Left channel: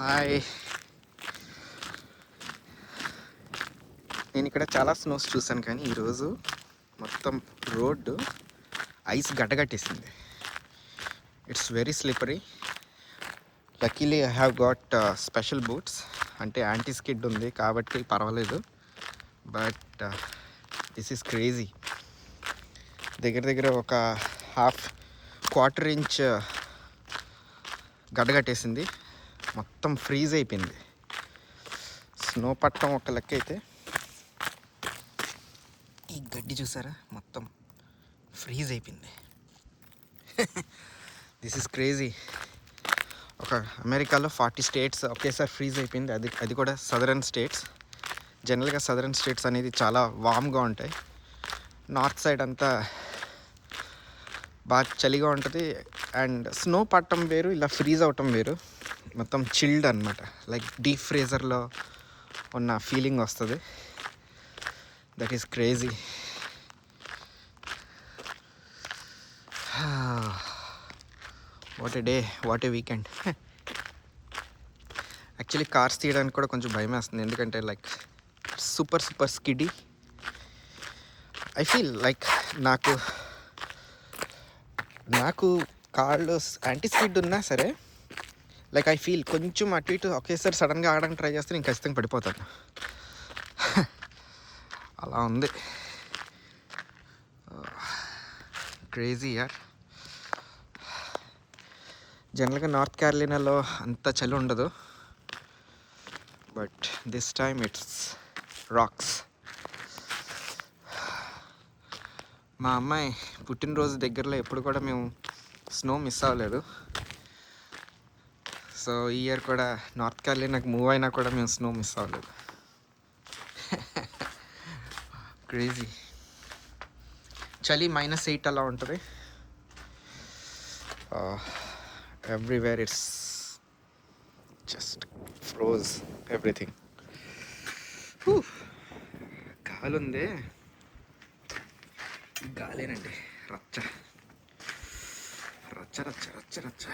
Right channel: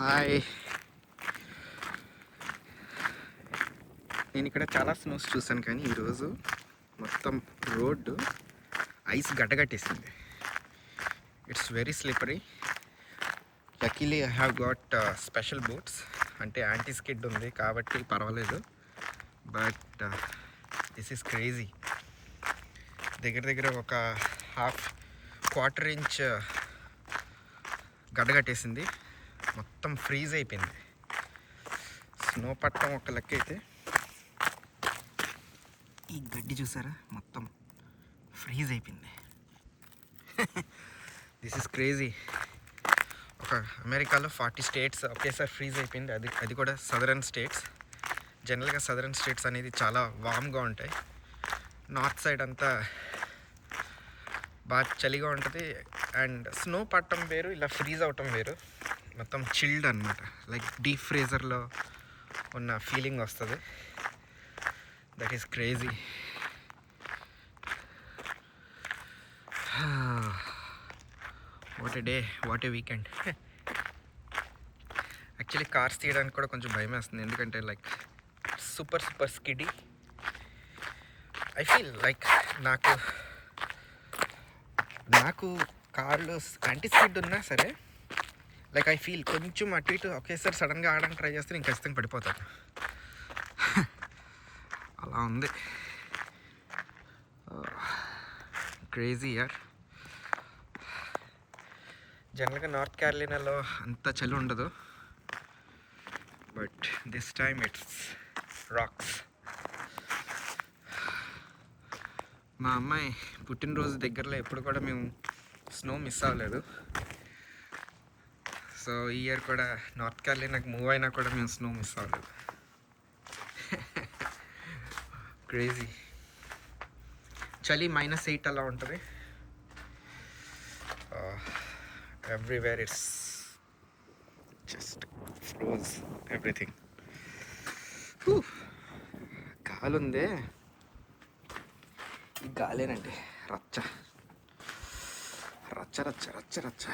Hi. నేను ఇక్కడ చాలా స్నోస్ చూసాను, కానీ ఈరోజు మొత్తం రోడ్డు ఐస్ గడ్డగట్టేసింది. It's very slippery. Luckily I have got special boots, అంటే యాంటీ స్కిడ్ ఉంది కాబట్టి పర్వాలేదు. But this is crazy. దగ్గర దగ్గర ఒక క్వార్టర్ ఇంచ్ గడ్డగట్టేసింది. మొత్తం ఫ్రీజ్ అయిపోయింది. స్నో పట్టడం ఒక లెక్క అయితే, ఈ గడ్డి చూసారా మొత్తం ఫ్రీజ్ అయిపోయింది. This is crazy. ఒక అమెరికాలో 40 స్టేట్స్ ఒకేసారి ఫ్రీజ్ అయిపోయింది. అది కూడా సదరన్ స్టేట్స్. జనరల్గా సదరన్ స్టేట్స్ అనేది చాలా వామ్గా ఉంటాయి. నార్త్ సైడ్ అంతా బాగా చలిగా ఉంటుంది. అండ్ స్నో పట్టడం వేరు, ఇలా ఫ్రీజ్ అవటం వేరు. మొత్తం చిల్డ్ అనమాట, లైక్ డీప్ ఫ్రీజర్లో ఉన్న ఫీలింగ్ వస్తుంది. That is crazy. What a day, what a weekend. Actually cars తీయడానికి కూడా కొంచెం భయం వేస్తుంది, ఎందుకంటే like super skiddy. I feel like నాకు కార్లో యాంటీ స్కిడ్ ఉన్నా సరే, లైక్ ఐ ఫీల్ కొంచెం అటు ఇటు ఒకేసారి సడన్గా ఆడడానికి ట్రై చేస్తే నేను ఖచ్చితంగా పడిపోతాను. అలా ఉంది. క్రేజీ యార్. జనరల్గా నార్త్ క్యారోలినాలో అంత చలి ఉండదు, but this time it's rocks. మా అమ్మాయి పుట్టినరోజు దగ్గరలో ఎప్పుడు కూడా మేము స్నో మిస్ అవ్వలేదు. సో ఈ ఇయర్ కూడా నార్త్ క్యారోలినాకి మూవ్ అయినా కూడా మేము స్నో మిస్ అవ్వలేదు. క్రేజీ. చలి -8 అలా ఉంటుంది. Everywhere it's just froze everything. గాలి ఉంది, గాలేనండి రచ్చ రచ్చ రచ్చ రచ్చ రచ్చ.